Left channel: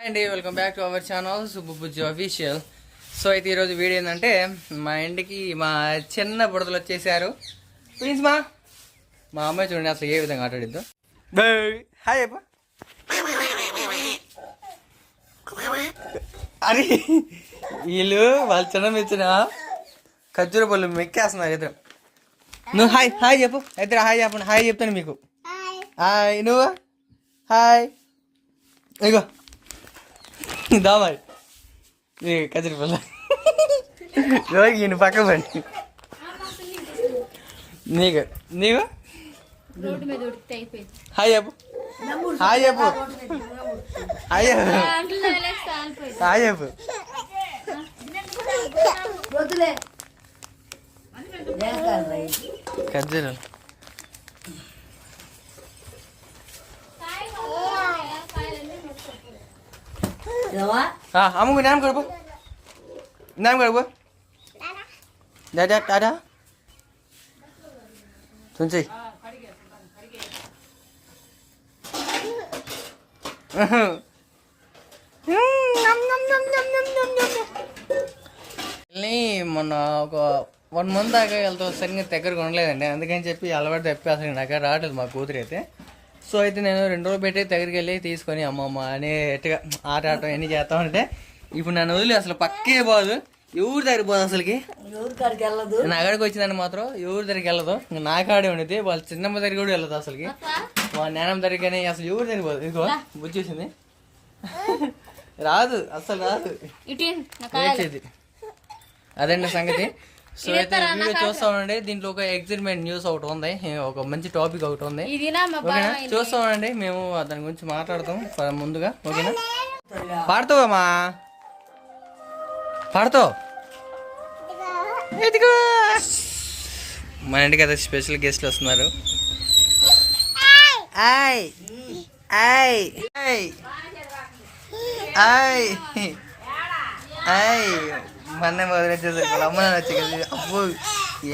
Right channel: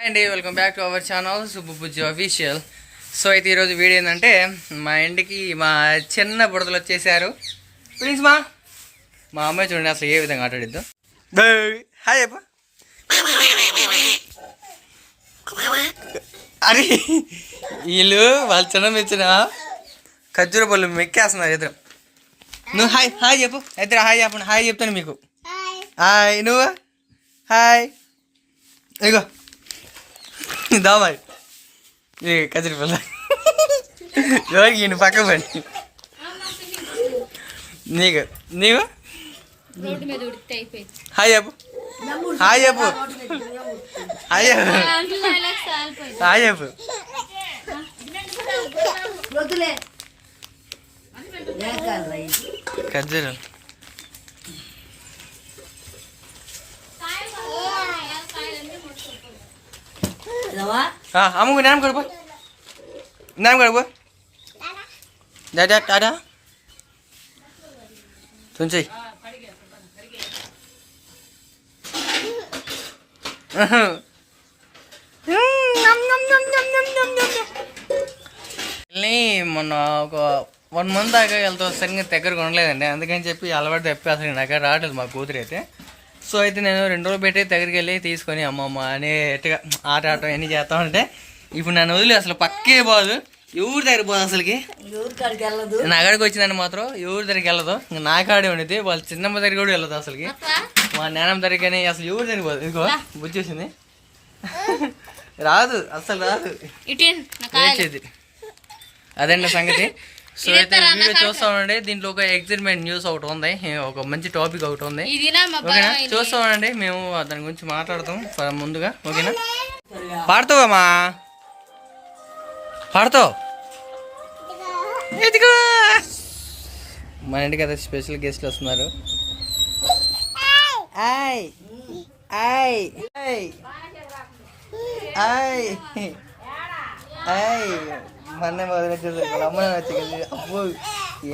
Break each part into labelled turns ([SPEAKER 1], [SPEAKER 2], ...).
[SPEAKER 1] Hi అండి welcome back to our channel Subbujji official so అయితే ఈరోజు వీడియో ఏంటంటే మా ఇంటికి మా చిన్న బుడతలు వచ్చేసారు. ప్లీజ్ మా. మా అమ్మాయి చూడండి అసలు ఏ విధంగా ఆటాడిద్దాం హాయ్ అప్ప అరే వీళ్ళు వాళ్ళ చిన్న మెచ్చిన ఖర్జూర పళ్ళు మెక్కేస్తున్నారు ఇద్దరు. నువ్వు హాయ్ హాయ్ చెప్పు. ఇద్దరు హాయ్ చెప్పండి హాయ్ చెప్తాను మీకు. హాయ్ నువ్వు? హాయ్ ఇగో. దామాయి ఏ కదిరి పిల్ల ఎవరికి ఈయన పక్క పడి నీకు
[SPEAKER 2] అయిపోయింది.
[SPEAKER 1] హాయ్ చెప్పు హాయ్ చెప్పు హాయ్ చెప్పు
[SPEAKER 2] అంకుల్ డైలాగ్స్ ఆగిపోయింది
[SPEAKER 1] హాయ్ చెప్పు
[SPEAKER 3] వద్దులే
[SPEAKER 1] ఖర్జూరం
[SPEAKER 3] రవా
[SPEAKER 1] అమ్మకు నాన్న కడుపు నాన్న కడుపు డాడా డాడా తుంచి మొన్న ఒక వన్ మంత్ దాకా వెళ్తా సరిగ్గా దగ్గర ఉండలేదండి. అందుకని చెప్పి అలవాటు తప్పి అసలు నాకు రావట్లేదు మా కూతురు అయితే. సో అయితే నేను రెండు రోజులు పెట్టి దగ్గరికి వెళ్ళి తీసుకొని అమ్మమ్మ అని ఎట్టుగా ఆట ఆడటం అన్నీ చేస్తా ఉంటే ఇప్పుడు నన్ను వదిలి అసలు పక్కే పోదు. ఎవరి దగ్గర పోదు అసలుకి?
[SPEAKER 3] కాడికి
[SPEAKER 1] నా అక్కడికి వచ్చిందని మాత్రం ఎవరి దగ్గరికి వెళ్ళదు. ఇంకా నా కాడే ఉండేది వాళ్ళ చిన్నమ్మ దగ్గర కూడా వెళ్ళదు అసలుకి. మా నాన్నమ్మ దగ్గర కానీ అసలు ఎవరి దగ్గర పోదు. ఇదిగో బుచ్చేసింది రాదు అసలు రాదు. అదండి సంగతి. సో అయితే వీడియో చూస్తా ఉండండి దీంట్లో ఒక ఎగ్జైట్మెంట్ న్యూస్ ఒకటి ఉంది. ఒక మంచి టాపిక్ ఒకటి ఉంది. ఓకేనా?
[SPEAKER 2] బాబాయ్
[SPEAKER 1] చూస్తా ఉండండి మేము దాని గురించి మాట్లాడతాం ముందుగా. ఓకేనా? పాడతావమ్మా పాడతావు మన ఇంటికి అయితే స్పెషల్ గెస్ట్లు వస్తున్నారు. ఆయ్. ఆయ్. ఆయ్. ఆయ్. ఆయ్. మొన్న మొదలు వచ్చేసి వాళ్ళ అమ్మ కలిసి అబ్బో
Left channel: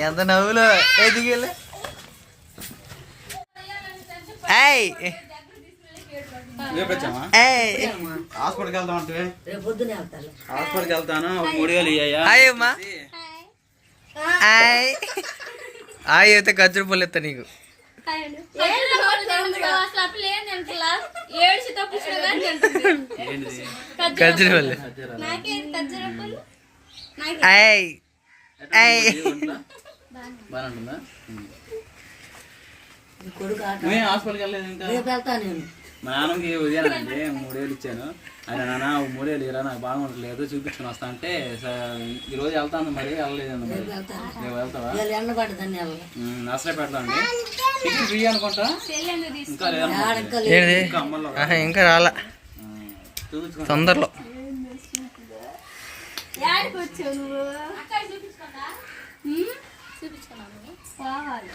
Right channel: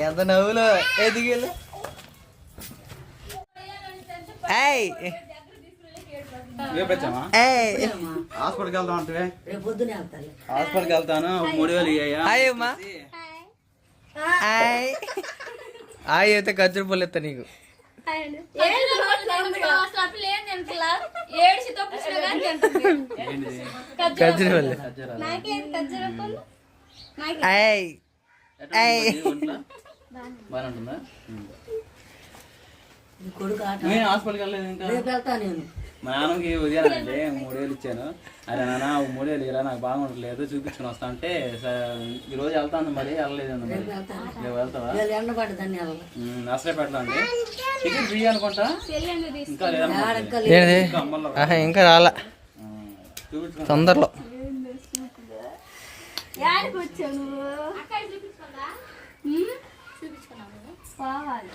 [SPEAKER 1] ఎంత నవ్వులో ఆయ్
[SPEAKER 4] హాస్పిటల్కి వెళ్తాం అంటే హాస్పిటల్కి వెళ్తాను మూడు వేలు
[SPEAKER 1] హాయ్ అమ్మా హాయ్ హాయ్ అయితే ఖర్జూర పళ్ళు ఎత్తా నీకు ఖర్జూర పళ్ళు
[SPEAKER 4] హాస్పిటల్కి వెళ్ళలేదు ఇంకా? మా నాన్నకి ఉదయం అంటే మూడు వేలు ఇచ్చాను. ఆయన నాన్న మూడు వేలు ఇరా నాకు బాగుండట్లేదు చూపించుకుని వస్తా అంటే "సరే, ఈ రోజు వెళ్తాను మరి వెళ్ళలేదండి మరి. రేపు వెళ్తావా?
[SPEAKER 3] వీళ్ళు ఎండ పడ్డదని వెళ్ళాలి.
[SPEAKER 4] ఉమ్, నర్సరీ పెడతా అండి టికెట్ ఫ్రీ అనుకుంటా? ఇంకా లేదనుకుంటా.
[SPEAKER 3] ఇంకా
[SPEAKER 1] రాలా. తొందరలో.
[SPEAKER 2] యాడికి వచ్చావు నువ్వు? అక్కడ చూపించుకోదా? చూపించుకున్నావు పోవాలి.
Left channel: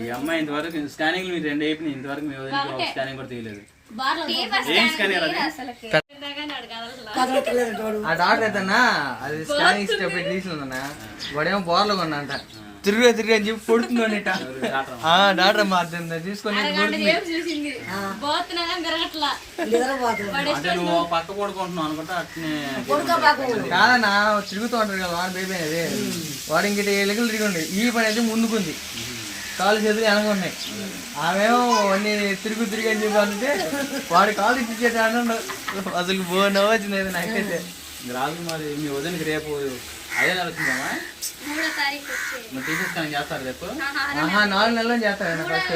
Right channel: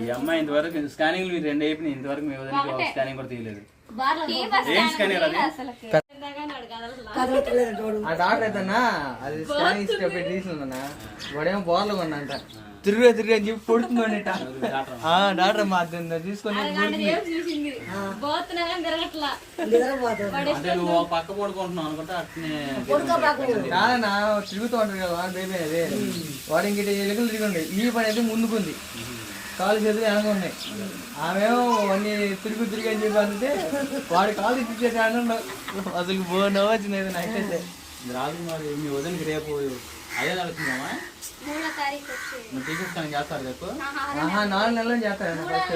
[SPEAKER 4] ఈ అమ్మాయి ఇంతవరకు స్కానింగ్ మీరు రెండు అయిపోయింది ఇంతవరకు మీ వదిలికి స్కానింగ్ కూడా తీయలేదు. ఏం స్కానింగ్ అది
[SPEAKER 1] ఆ డాక్టర్ అయితేనా అది స్కానింగ్ స్టెప్ తీసుకుందన్నా వాడేమో బోర్లో కొన్నంట తిరిగి తిరిగి అని చెప్పి కొడుతుందంట
[SPEAKER 4] డాక్టర్
[SPEAKER 1] ఆ డాక్టర్ మా తీసుకొని
[SPEAKER 4] పక్క పడుకుంటున్నావు అనుకుంటా
[SPEAKER 1] కాదన్నా తిరుగుతూ ఉంటాడు కదా బేబీ అనేది వాడు ఇంకటి ఎలుకలు తిరిగి ఈ పని అయితే ముందుకుంది. కాలు చేతులు వెనక ఉన్నాయి. ఆమెమో అన్ని తిరుగు తిరిగి అని చెప్పి అంటే వాడి కాలు ఇచ్చేది అన్న అసలు బోనో వచ్చింది నాకైతే.
[SPEAKER 4] రాజు మరి మీ వదినకి రేపు అదే నడుస్తుందమ్మా
[SPEAKER 2] మూడో తారీఖు వచ్చే.
[SPEAKER 4] మరి టీచర్ స్కానింగ్ చేస్తారు రేపు?
[SPEAKER 1] నాలుగు నెలలు ఫస్ట్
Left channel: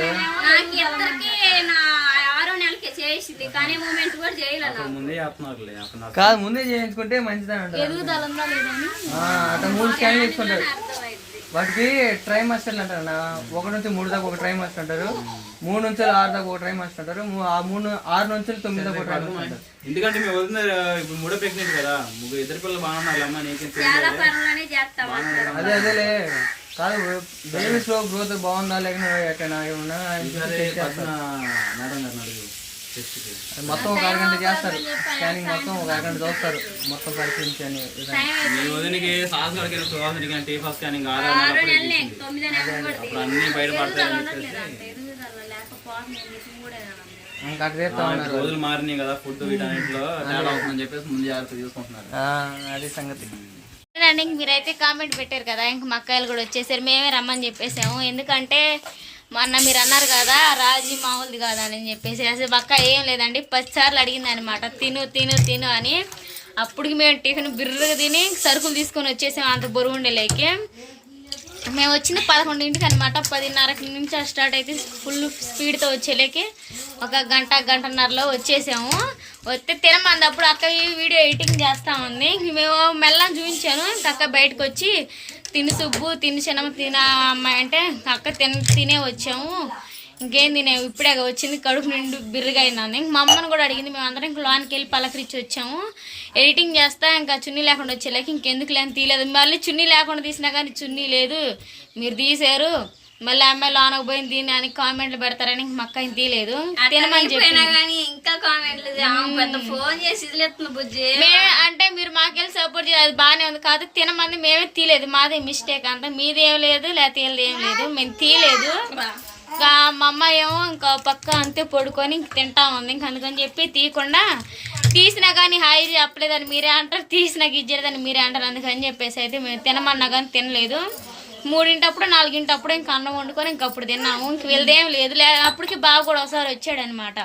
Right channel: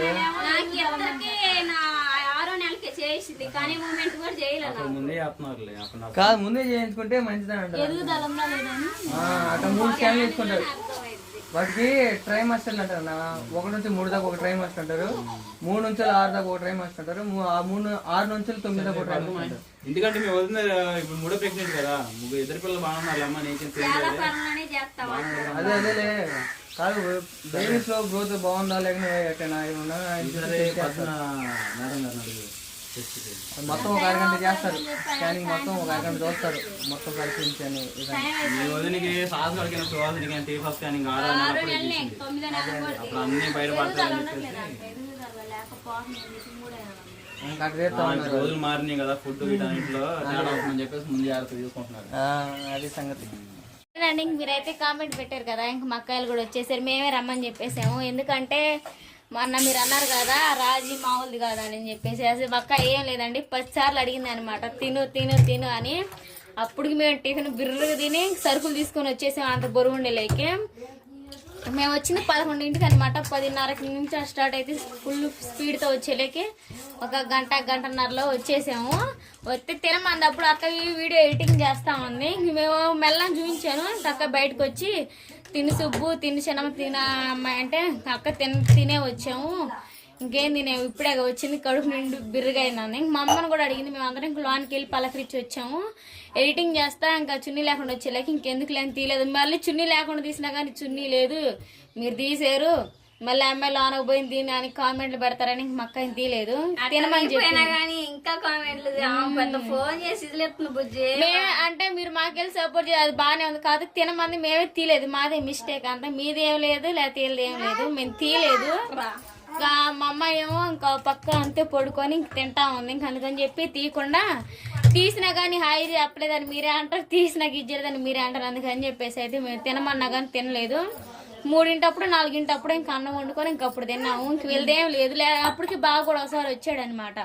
[SPEAKER 2] నాకు అందరికీ నా ఆరో నెలకి చేసింది. కానీ మూమెంట్ కూడా చేయలేదు
[SPEAKER 4] అక్కడ ముందే
[SPEAKER 1] కాదు ముందే చేయించుకుంటే మంచిదని అంటారు.
[SPEAKER 2] ఎదుగుదల ఉందా లేదని
[SPEAKER 1] ఆ, అట్లా మూడు స్కాన్ చేసుకుంటారు
[SPEAKER 2] అర్థమైంది
[SPEAKER 1] వాటికి ట్రై మాస్టర్లు అంటారు అన్న. ఒకటి నుంచి మూడు దాకా ఒక ట్రై మాస్టర్ అంటారు. మూడు నుంచి ఆరు దాకా ఒక ట్రై మాస్టర్ అంటారు. ఆ మూడు ఆరు నుంచి తొమ్మిది దాకా ఒక ట్రై మాస్టర్ అంటారు
[SPEAKER 4] ఎందుకంటే మీ వదిన ఇప్పుడు మూడో ప్రెగ్నెంట్ కదా. ముగ్గురు ఇద్దరు పిల్లలు బాగున్నారు అమ్మ నీకేం
[SPEAKER 1] అదే అదేలే. కాదు బేబీస్లో గ్రోత్ బాగుందా లేకపోతే ఎక్కడైనా ఏమన్నా మొత్తం ఒక అరగంట చేస్తారు. స్కానింగ్ మొత్తం ఒక అరగంట చూస్తారు. మొత్తం పరిశీలించి అని విధానం.
[SPEAKER 4] మీ వదినకి సాహస్ గడికిన సువాసన కానీ టీ ఫస్ట్ స్కానింగ్ ఆరో అప్పుడే అన్ని బయటపడతాయని చెప్పేసి. రోజులు మారినాయి కదా ఫుడ్ వీటన్నిటిలో తేడా అవుతుందని చెప్పేసి ముందు జాగ్రత్త తీసుకుంటున్నారు
[SPEAKER 1] ఆ, అది సంగతి.
[SPEAKER 2] మీరైతే కామెంట్ పెట్టారు కదా ఇంక మా అక్కాయిలు కూడా వచ్చేసారు మేమే రమ్మని చెప్పేసాము. ఎందుకంటే మొన్న మీరు అన్నారు కదా రాజీ మామూలుది కాదా అని చెప్పేసి. అసలు పక్క అక్క ఏం లేదండి పదిసార్లు అడిగింది అనమాట తిను తిను తిను అని. అప్పటికి మేము టిఫిన్ బిర్రగా తిని సరుకులు తీసుకొని వచ్చేసాము అంత బరువు ఉండేలేకి. మేము వచ్చింది పదకొండింటికి అనమాట పదిన్నరకి నుంచి స్టార్ట్ అయితే ఫుల్ స్పీడ్తో వచ్చేలేకి. ఒక గంట గంటన్నరలో వచ్చేసాము. వస్తే తినమంది అప్పుడు అక్క ఈ వీడియో ఎడిటింగ్ చేస్తా ఉంది. మేము మెల్లం చూపించాను అక్క బయటకు వచ్చి తిని సుబ్బు తిని చిన్నమ్మ తిన అమ్మాయి అంటే అక్క తిన తినే వచ్చాము. ఇంకేం తినే ఇప్పుడే వచ్చింది కడుపు నిండు బిర్రుగా ఇంక మా అమ్మను కూడా అడిగింది మేము అందరం ఇంక లోనికి వెళ్ళి పలకరించి వచ్చాము. ఎడిటింగ్ చేస్తా ఇంకా చున్నీ లేకుండా వచ్చేలాకి ఇంకెందుకు లేని తీయలేదు. మళ్ళీ చున్నీ లేకుండా తీసినా కానీ చున్నీ లేదు. మీరు తీసారు. మళ్ళీ అమ్మాయి లోనకు పోయింది దీని అని కామెంట్లు పెడతారని ఇంక మా అక్క ఏం తీయలేదు తినమని చెప్పి
[SPEAKER 5] ఇంకా కామెంట్లు ఫోన్ చేసి ఇదిలేస్తుంది బుజ్జి.
[SPEAKER 2] మే అంటే మీరు మాకెళ్ళి సపోర్ట్ చేయాలి అది బాగానే ఉంది. కాదు తినమంది మేమే తీయలేదు. మాదే మిస్టేక్ అంతా. మీది ఏం లేదు లేకపోతే ఏం లేదు. మేము తీయలేదు. ఇంకా మా అమ్మ ఏమో ఇంకా పక్క అంతే పడుకొని ఇంక తింటా ఉంది. ఇంక అందుకని చెప్పి తీయకుండా తీసినా కానీ హాయి చెప్పలేదని మీరే అంటారు. తీసినా ఇచ్చేదని మీరే అంటారు. అందుకని చెప్పేసి అయితే మేము తినమన్నా కానీ తినలేదు. మూడింటప్పుడు నాలుగింటప్పుడు ఇంక అన్నం వండుకొని ఇంక అప్పుడు తిన్నాము. ఇంక వీళ్ళదేం లేదు అప్పటికి బావ కూడా ఒకసారి వచ్చాడనమాట.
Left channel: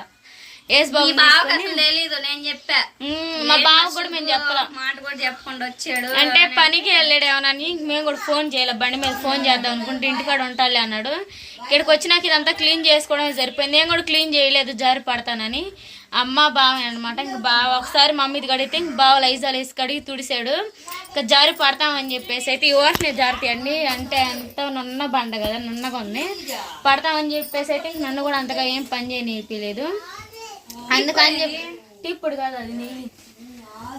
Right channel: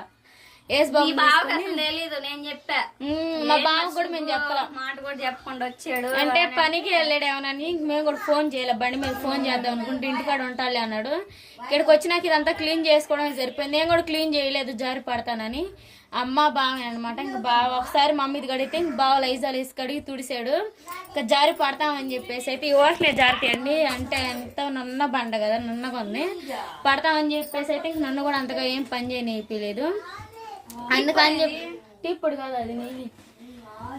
[SPEAKER 5] తెలీదు నేను చెప్పా.
[SPEAKER 2] మా బావ కూడా మేము చెప్పలేం?
[SPEAKER 5] మాట కూడా చెప్పకుండా వచ్చాడు
[SPEAKER 2] అంటే పనికి వెళ్ళాడేమోనని మేము కూడా ఫోన్ చేయలే బండి మీద ఫోన్ చేద్దాం అనుకుంటే ఇంటికాడ ఉంటాలి అన్నాడు. ఇక్కడికి వచ్చినాక ఇదంతా క్లీన్ చేసుకోవడం సరిపోయింది. నేను కూడా క్లీన్ చేయలేదు జారి పడతానని. అమ్మ బావ అనమాట ఇంక బావ ఒకసారి మమ్మీది కడిగితే ఇంక బావ లైజాలు వేసి కడిగి తుడిసాడు. ఇంకా జారి పడతామని చెప్పేసి అయితే ఈ ఓట్నే జారుతాయండి అంటే అంత నున్న బండ కదా నున్న కొన్ని పడతామని చెప్పేసి అయితే ఇంక నన్ను కూడా అంతగా ఏం పని చేయనిపించలేదు అందుకని చెప్పి టిప్పుడు కాదు అది నెయ్యి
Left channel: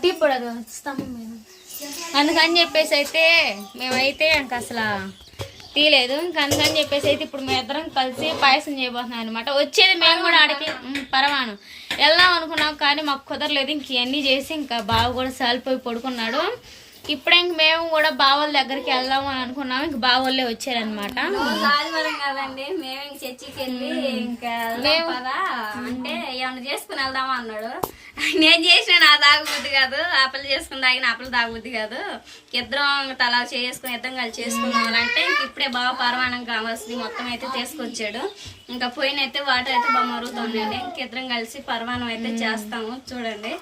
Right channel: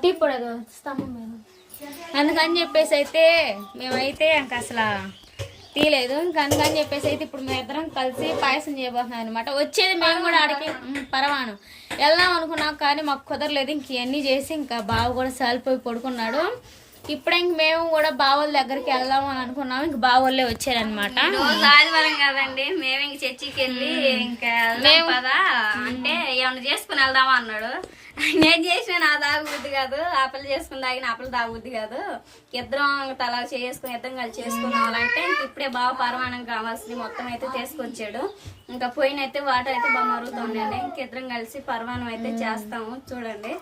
[SPEAKER 2] టిప్పుడు అది స్తంభం మీద. అందుకని చెప్పేసి అయితే మేమైతే ఇంక అసలు తీయలేదు ఇంక అందుకని చెప్పేసి అయితే ఇప్పుడు మేము ఇద్దరం కలిసి పాయసం చేయబోతున్నాం అనమాట వచ్చేది మేము కూడా ఆడికి. పరవాను. వెళ్దాం అనుకున్నాం కానీ మాకు కుదరలేదు. ఇంక ఇవన్నీ చేసి ఇంకా బావ కూడా సాలిపోయి పడుకున్నాడు. ఇప్పుడే ఇంక మేము కూడా బావల దగ్గరికి వెళ్దాం అని అనుకున్నాం. ఇంక బావోళ్ళే వచ్చారనమాట.
[SPEAKER 5] ఆదివారం కదండి. మేము ఇంక చర్చికి వెళ్ళి ఇంకా వెళ్దాం పదా? అంటే ఏమన్నా చేసుకుని వెళ్దామా అన్నాడు. నేను చేసిన నా తాగుబుద్ధి కాదు. ఆపలు చేసుకుని తాగిన ఆపలు తాగుబుద్ధి కాదు. ఇద్దరం తలా చేసుకుని ఇద్దరం కలిసి చేసుకుందాం అంటే ఇంక ఇప్పుడే బాగా పరమాణం కావాల్సింది మొత్తం అయితే తీసుకొచ్చాడు. ఇంకా పోయినైతే వాటర్ అయితే బాగా మరుగుతుందండి ఇంక ఇద్దరం కలిసి పరమాణం అయితే చేస్తాము. చూడండి.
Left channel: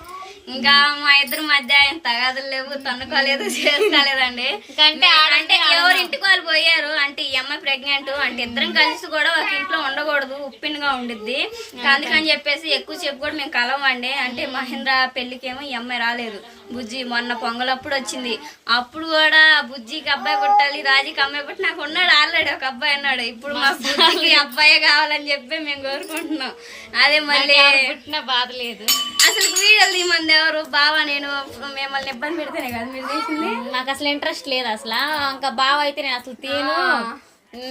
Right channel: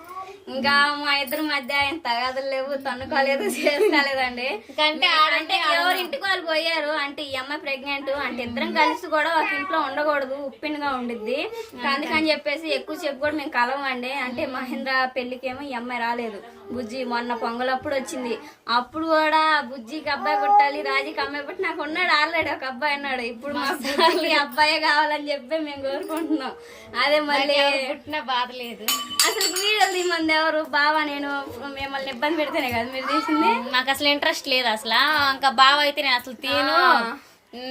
[SPEAKER 5] ఇంకా మా ఇద్దరి మధ్య ఆయన తగాదులు లేవు తన్నుకోలేదు చేసుకోలేదండి.
[SPEAKER 2] అంటే
[SPEAKER 5] అంటే ఎవరి ఇంటికి వాళ్ళు పోయారు అంటే ఈ అమ్మాయి ప్రెగ్నెంట్ అంటే ఇద్దరం కలిసి కూడా ఒక ఇంట్లో ఉండకూడదు ఉప్పినగా ఉండిద్ది. అందుకని చెప్పేసి ఎక్కువ చెప్పు కూడా మేము కలవండి. అంటే మహేంద్ర పెళ్ళికేమో ఈ అమ్మాయి రాలేదు. బుజ్జి మొన్న పొంగలప్పుడు వచ్చింది. అప్పుడు కూడా బుజ్జికి అబ్బాయి పుట్టాలి రాజీకి అమ్మాయి పుట్టి నాకు ఉన్నాడు ఆల్రెడీ ఒక అబ్బాయి అన్నాడు ఇప్పుడు మా బుజ్జికి అబ్బాయే కావాలని చెప్పి మేము కోరుకుంటున్నాం. అదే మళ్ళీ
[SPEAKER 2] పుట్టిన బాధ లేదు.
[SPEAKER 5] అసలు వీడియోలు తీమంది ఎవరు? బావా నేను మిమ్మల్ని ఇబ్బంది పెడితేనే కదా మీరు తీసింది?
[SPEAKER 2] నాకు అసలు ఇంట్రెస్ట్ లేదు అసలు. ఇంకా బావ అయితే నేను అసలు తీను.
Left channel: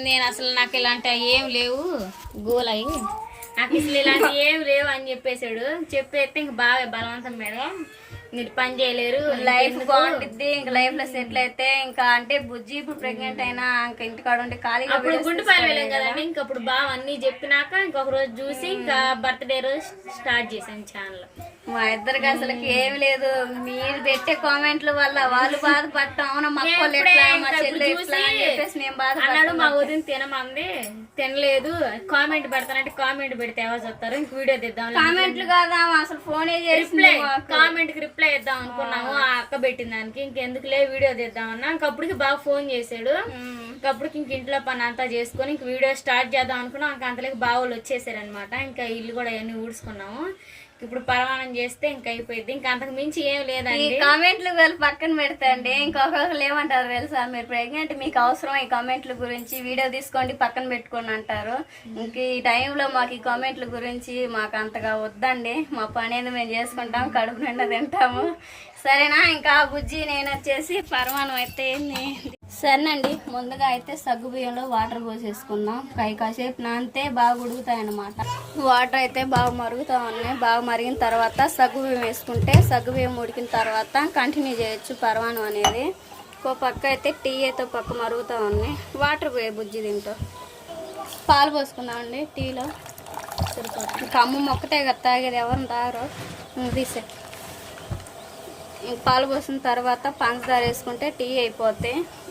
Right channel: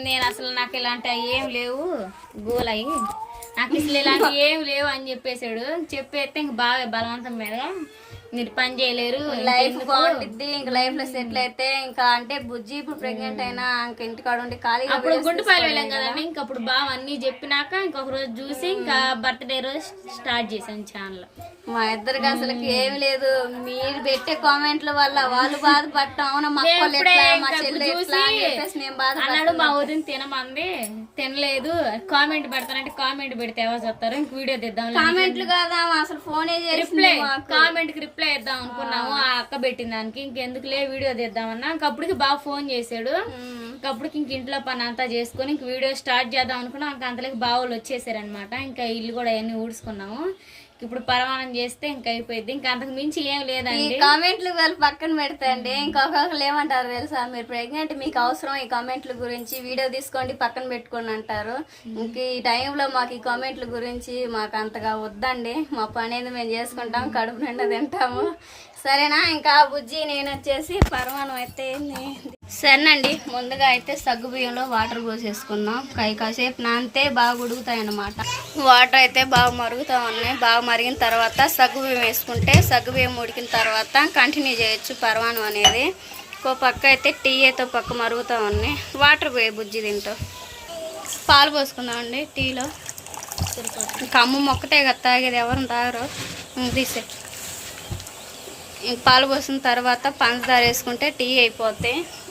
[SPEAKER 2] నేను అసలు నాకు ఇలాంటి ఏం లేవు. గోలయి. నాకు ఇలాంటి ఏం లేవు అని చెప్పేశాడు చెప్పేస్తే ఇంక బాగా బలవంతం మీద. మీరు పని చేయలేరు.
[SPEAKER 5] లైఫ్ బాగుంటుంది ఇంకా లైఫ్లో సెటిల్ అయితే ఇంకా అంటే బుజ్జి ఇప్పుడు ప్రెగ్నెంట్ అయినా ఇంకా ఇంటికాడ ఉండి ఖాళీగా
[SPEAKER 2] అప్పుడు గుంటుపల్లి వెళ్ళాం కదండి ఇంక అప్పుడు బావ అన్ని చెప్పినాక ఇంకొక రోజు చూసి ఇంకా బర్త్డే రోజు స్టార్ట్ చేశాను ఛానల్
[SPEAKER 5] మా ఇద్దరికి అసలు ఏమి లేదు. మీరు పెట్టే కామెంట్ల వల్ల వాళ్ళు బాధపడటం అవునా మా అక్కలు ఎట్లా మా చెల్లె ఎట్లా అని చెప్పేసి మేము బాధపడతాం
[SPEAKER 2] మా వదిన తినమంది తినలేదు. కామెంట్ పెడతానంటే కామెంట్ పెడితే ఎవరు చెప్తారు? ఇంక వీడియో తెద్దాం
[SPEAKER 5] కామెంట్లు కాదా అసలు ఫోనే మాకు.
[SPEAKER 2] కామెంట్కి రిప్లై ఇద్దాం అనుకున్నాము. ఆ అక్క పెట్టిన దానికి. ఇంకెందుకులే వీడియో తెద్దామన్నా ఇంకప్పటికి బాగా ఫోన్ చేశాడు. ఇంకప్పటికి ఇంక ఇంట్లో పని అంతా చేసుకొని ఇంక వీడియో స్టార్ట్ చేద్దాం అనుకున్నాం. ఇంక అంతలోకి బావులు వచ్చేసారనమాట ఇంకా ఇల్లు కూడా అవన్నీ ఊడ్చుకున్నాము. ఇప్పుడు పరమానం చేస్తే ఇంకా అయిపోయింది ఇంకా అంతకు మించి ఏం
[SPEAKER 5] ఈ
[SPEAKER 2] లేదండి
[SPEAKER 5] కామెంట్లు వాళ్ళు పక్కన పెడతాండి. ఇంకొకరు ఏమంటారు తెలుసా? మీరు ప్రెగ్నెంట్ మీకు అవసరం ఈ కామెంట్ల గురించి. వీడియో తీసుకోండి పక్కన పెట్టుకోండి అంటారు. ఇంక ఈ టైంలో మాకు ఈ కామెంట్ల గురించి మాకు అంతగా వద్దండి. మా పని అనేది మేము చేసుకుంటాం కడుపు నిండా తింటాము. సరేనా? ఇంకా బుజ్జి నేను వచ్చేసి పరమాణం అయితే ఏంది? సరేనండి ముందుగా అయితే సగ్గు బియ్యంలో వాటర్ పోసేసుకుందాం. కై కాసేపు నానితే బాగా ఉడుకుతాయి అన్నమాట వాటర్ అయితే బాగా మరుగుతూ ఉన్నాయి. బాగా మరిగిన తర్వాత సగ్గు బియ్యం వేసుకుంటే సగ్గు బియ్యం ఉడికిన తర్వాత కంటిన్యూ చేయొచ్చు పరమాణం అనేది. ఇంకో పక్క అయితే టీ అయితే పక్క మరుగుతూ ఉన్నాయి. వాటర్ పోయే బుజ్జి దీంట్లో పాలు పోసుకుందామండి టీలో. ఇంకా అమ్మ మొక్కటే కదా తాగేది ఎవరిని తాగరు? తీసే పాలు పోసిన తర్వాత పంచదార వేసుకుంటే టీ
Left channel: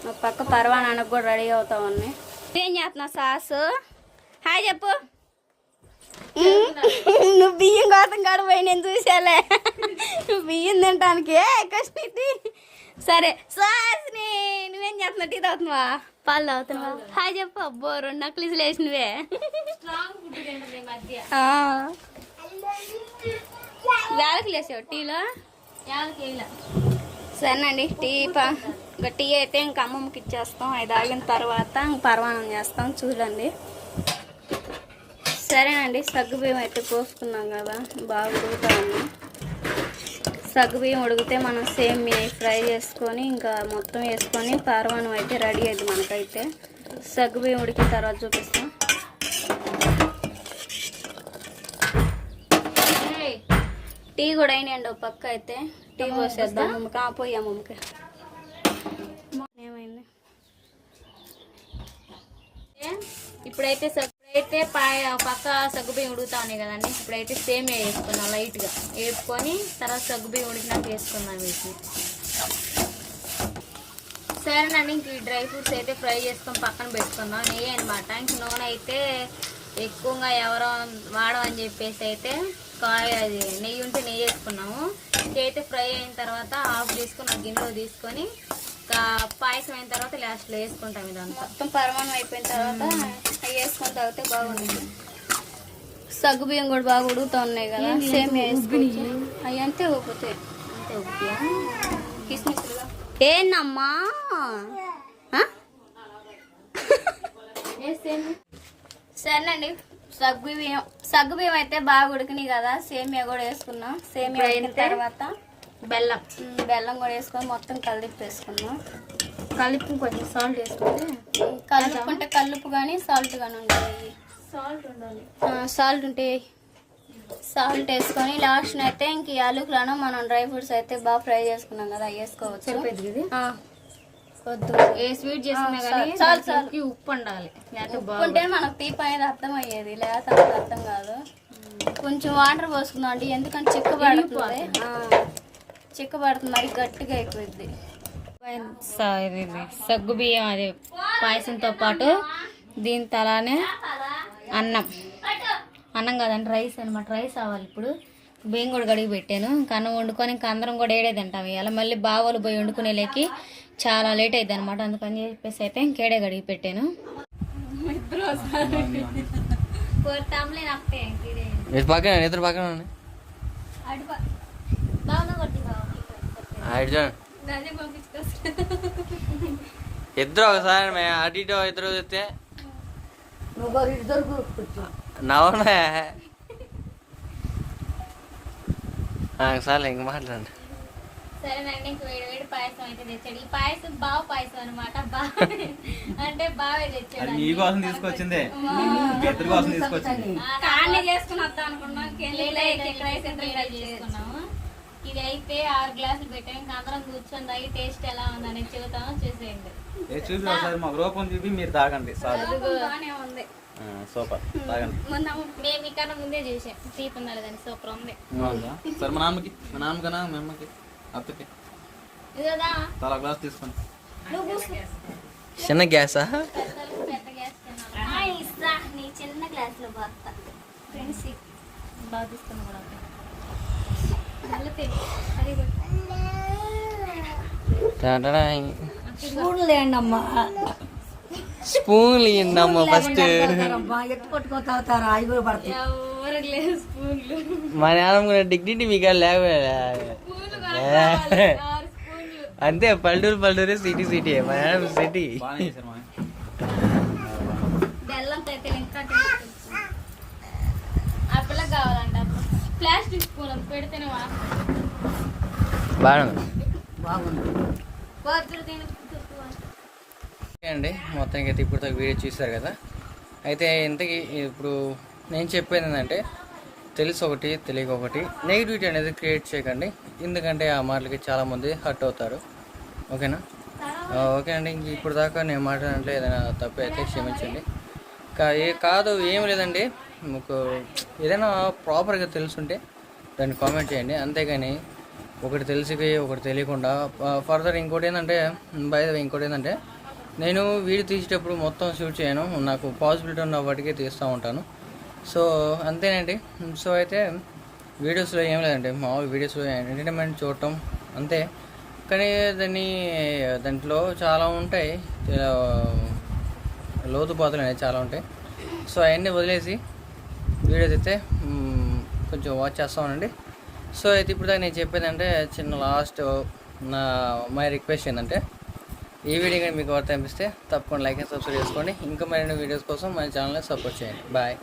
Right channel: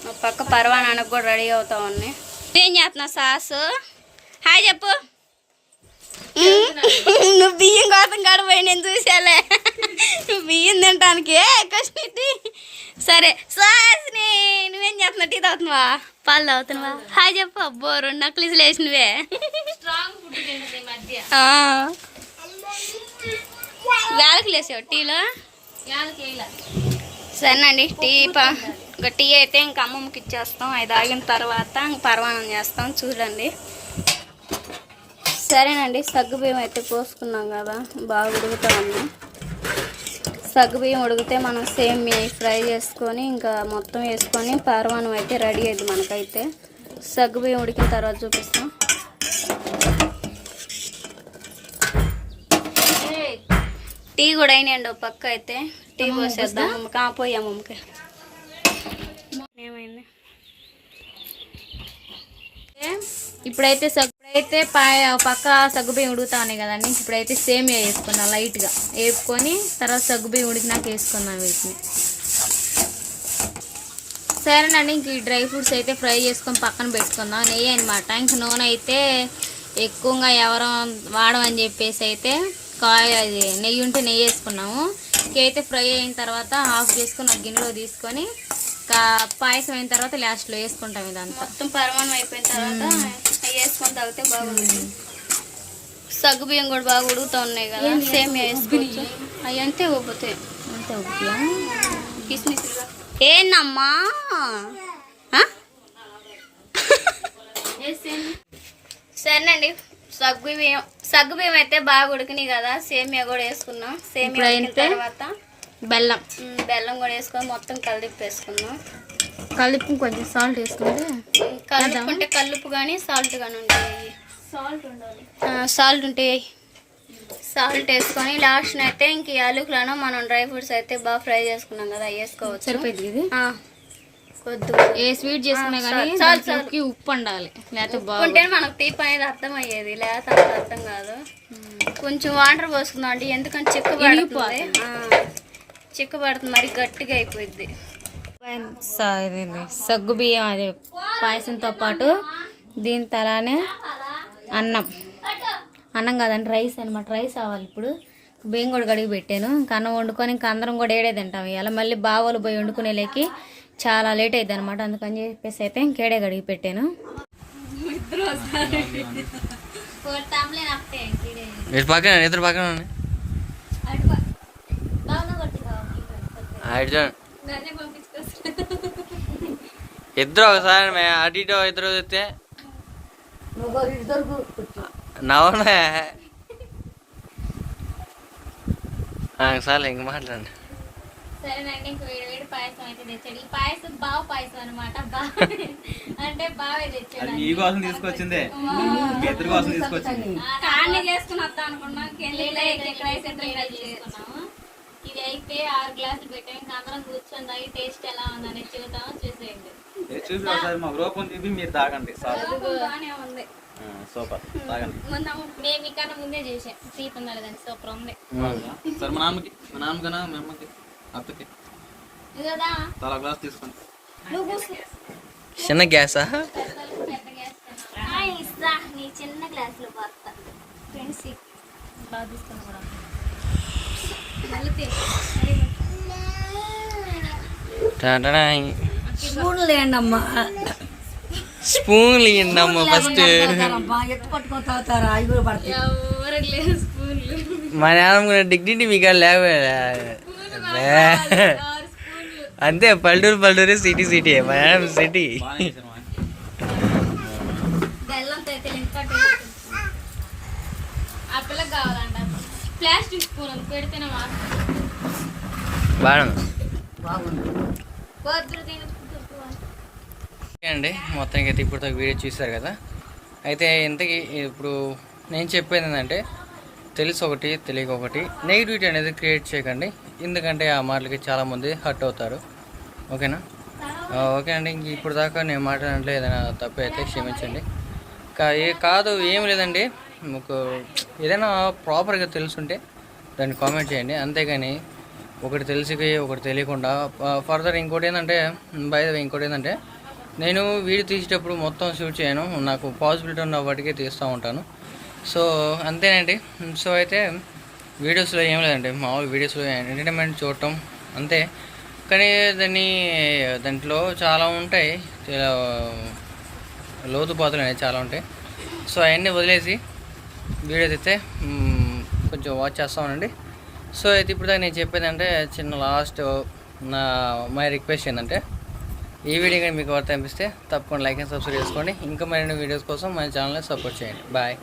[SPEAKER 5] ఒక పక్క పరవానానికి కూడా రెడీ అవుతా ఉన్నాయి. ఏం చేస్తున్నావు సాసు? హాయ్ చెప్పు. నువ్వు బియ్యం కోసం గడిపోయి నేను చూసాలే. నువ్వు బియ్యం తినడానికి కష్టి సరే సాస్ని నువ్వేం చేస్తున్నావు? టీ తాగుతున్నావా? పాలు తాగుతున్నావా? హాయ్ చెప్పు. అబ్బో రెండు నక్లీసులు వేసినవే. వేలకు లేసావు టీలో? సరేనండి టీ ఇంకా టీ అయితే ఇంకా అమ్మమ్మకి ఇచ్చేస్తాం. అది ఆగిన తర్వాత ఇంక పర్వాణం చేస్తాం. చూడండి. సరేనండి సగ్గుబియ్యం అయితే పోసుకున్నాం కదా. బాగా ఉడుకుతా ఉంది. సగ్గుబియ్యం ఉడికితే మనం సేమ్ ఫ్రై చేసుకొని ఇంకా మొత్తం వేసుకొని పర్వాణం అయితే రెడీ అయింది మనకైతే. సగ్గుబియ్యం ఉడికిన తర్వాత చూపిస్తాం. టీ కూడా అయినాయండి ఒక పక్క అయితే. టీ పోసేద్దాం. అమ్మకి పోయి అమ్మకి. ఏమైంది?
[SPEAKER 2] ఇప్పుడైతే సగ్గు ఇప్పుడైతే పాయ పక్క సగ్గుబియ్యం ఉడుకుతా ఉన్నాయి కదండి ఇప్పుడైతే సేమియా వేసుకున్నాం లైట్గా. వేపుకొని తర్వాత సగ్గుబియ్యం ఉడికినాక వేసుకున్నాం వీటిని. సరేనండి ఇంక ఈ డ్రై ఫ్రూట్స్ అయితే ఫ్రై చేసుకొని పక్కన పెట్టుకుందాం. నెయ్యి అనమాట ఇంక నూనె అయితే ఎక్కువగా ఎవరు వాడమని చెప్పేసి అయితే కాయ అది నెయ్యి ఉంటే నెయ్యి వేసుకున్నాము. ఇంకైతే ఫ్రై అయిన తర్వాత ఆఫ్ చేసుకుని ఒక గిన్నెలో తీసుకొని కా- పాయసం అయిన తర్వాత లాస్ట్లో వేసుకుంటాం ఇదంతా.
[SPEAKER 5] మొత్తం పరమాణం అయిపోయిన తర్వాత అవి వేసుకొని తాగితే బాగుంటుంది. సగ్గు బియ్యం కూడా బాగా ఉడుకుతా ఉన్నాయి కదా సేమ్ వేసుకోవచ్చు. అవి అంతే ఉబ్బుతాయి.
[SPEAKER 2] అంతే
[SPEAKER 5] కిస్మిస్లుగా. ఏందమ్మా? సరేనండి. సగ్గు బియ్యం సగ్గు బియ్యం అయితే బాగా ఉడికినాయి కదా. సేమియా కూడా వేసుకున్నాం. సేమియా ఉడికిన తర్వాత
[SPEAKER 2] బెల్లం.
[SPEAKER 5] బెల్లం కూడా వేసుకొని మొత్తం కలిపి వేసుకున్నాం
[SPEAKER 2] కలిపి కొంచెం సాల్ట్ వేసుకుంటే
[SPEAKER 5] కలుపుకుంటే కలుపు కానీ సాల్ట్ కానీ ఉంటాయి.
[SPEAKER 2] సాల్ట్ ఉండాలి.
[SPEAKER 5] సాల్ట్ ఉంటాయి. సాల్ట్ వేసుకొని లాస్ట్ అయితే ఇంక యాలకులను మనం డ్రై ఫ్రూట్స్ అయితే బాగా ఫ్రై చేసుకున్నాం కదా వేసుకోవచ్చు.
[SPEAKER 2] సరిపోయింది ఇది?
[SPEAKER 5] ఆ, కొద్దిగా
[SPEAKER 2] ఏ స్వీట్ చేసుకునే
[SPEAKER 5] ఆ,
[SPEAKER 2] కానీ
[SPEAKER 5] చాలు, చాలు.
[SPEAKER 2] దానికి ఉప్పు ఉండాలి లేకపోతే
[SPEAKER 5] ఉప్పు ఉంటే మనకు తీపి అనేది అర్థం అయ్యేది. లేకపోతే అంత అర్థం కాదు. కొంచెం వాటర్ పోసుకుందాం అండి ఎందుకంటే చిక్క పడుతుంది. ఆ, చిక్క పడుతుంది. మరి గట్టిగా అయిపోయింది
[SPEAKER 2] సగ్గు బియ్యం అది. పాయసంతో పాటు దీని తలానే అన్నం. అన్నం కాదండి రైస్ అనమాట రైస్ అవ్వాలి ఇప్పుడు. బియ్యం కూడా కడిగి పెట్టాను. ఇంకా అన్నం వండుకొని ఇంకా అందరం కూడా ఏడే తింటాం. ఇలా మళ్ళీ బావలు పోయి వండుకునే లేకి చాలా లేట్ అయింది అనమాట అందుకని చెప్పేసి అయితే ఇంకేడే గడిగి పెట్టాను.
[SPEAKER 1] పక్కన ఇద్దరు పక్కన ఇద్దరు ఒకసారి మే- అటు ఇటు ఇద్దరు చెప్తే
[SPEAKER 3] నువ్వు
[SPEAKER 1] సార్ ఇంక మాట్లాడండి.
[SPEAKER 2] సరేనండి ఇంక వేడి వేడి పాయసం అయితే తెచ్చాడు ఈ పాయసం బావ పాయసం అనమాట బావ అంటే బావే తెచ్చాడు
[SPEAKER 4] నీ కోసం తీసుకొచ్చిందే. ఇద్దరి కోసం తీసుకొచ్చింది.
[SPEAKER 5] కాన్ని చేసుకుని వద్దాం అనుకున్నాం.
[SPEAKER 2] చేసుకున్నాము ఇది అయితే ఆరు గ్లాసులు పెట్టాం. ఇంకా అందరం కూర్చొని తాగి టేస్ట్ ఎలా ఉందని చూద్దాము చూసేయండి.
[SPEAKER 4] ఏ చూసి ఒకసారి మా రూపం చూపి మీరు తాగండి. సార్.
[SPEAKER 5] బాగానే ఉంది.
[SPEAKER 4] సూపర్. తాగండి.
[SPEAKER 2] మేము ఇక్కడ ముందే చేసాం. తీపి సూపర్ ఉంది.
[SPEAKER 4] సరే మా నాన్నకి మా నాన్నకనా మా అమ్మకి. అత్తకి. చాలా గ్లాస్ తీసుకోండి
[SPEAKER 1] చిన్న గ్యాసా?
[SPEAKER 5] చిన్న గ్లాస్లో పోతా ఫ్రెండ్స్
[SPEAKER 2] బాగా తీసుకున్నా కూడా.
[SPEAKER 1] ఫస్ట్
[SPEAKER 2] ఎవరికి లేదు స్పూన్లు
[SPEAKER 1] మా నాన్న డిగ్నిటీ మీకు లేకపోయా అంతే పల్లెటూరు పల్లెటూరు సిటీ సిటీ మా నాన్న సిటీ. అండి మొత్తానికి అయితే ఇప్పుడు వీడియో చూసారు కదా. అయితే ఇంతకీ ఇప్పుడు నేను చెప్పేది ఏంటంటే తెలిసి ఒకటి తెలియక ఒకటి నెగిటివిటీ అనేది క్రియేట్ చేయకండి. ఎందుకంటే ఆ మాటలకి చాలామంది హర్ట్ అవుతారు. ఓకేనా? ఓకే అండి. ఇంక ఇప్పుడు దాకా నేను మాట్లాడంటే ఏదైనా తప్పు అయితే క్షమించండి. కా ఏ కాదు ఏం లేదండి. మీకు ఏదైనా ప్రాపర్గా తెలుసుంటే దాన్ని కామెంట్ చేయండి. అంతేగాని ఒకటి తెలిసిపోయి ఒకటి తెలియకుండా. ఫర్దర్ ఇంకోటి ఏంటంటే బై ఇంకోటి ఏంటంటే నేను వీడియో తీసేటప్పుడు మొత్తం షూట్ చేయను. నాకు పాసిబిలిటీ ఉన్న వాటికే తీస్తూ ఉంటాను. సో అంతేనండి. సో అయితే వీడియోస్లో ఏం లేదండి. మామూలు వీడియోస్లో ఎంటర్టైన్మెంట్ చూడటం అంతే. కానీ దాన్ని దాంట్లో చాలా ఉంటాయి. చాలా లోతుపాతులు అనేవి చాలా ఉంటాయి. సో అవన్నీ వదిలేసి వీడియో అయితే కొంచెం వాచ్ చేస్తామండి సో అయితే ఇప్పుడు దాకా నేను చెప్పేది అంటే చిన్న లాస్ట్ నా మై రిక్వెస్ట్ ఏంటంటే ఈ వీడియో కానీ మీకు వర్త అనిపిస్తే తప్పకుండా లైక్ అండ్ సబ్స్క్రైబ్ చేసుకోండి. ఇంకా మరిన్ని వీడియోస్ కోసం మన ఛానల్ని సపోర్ట్ చేయండి. బాయ్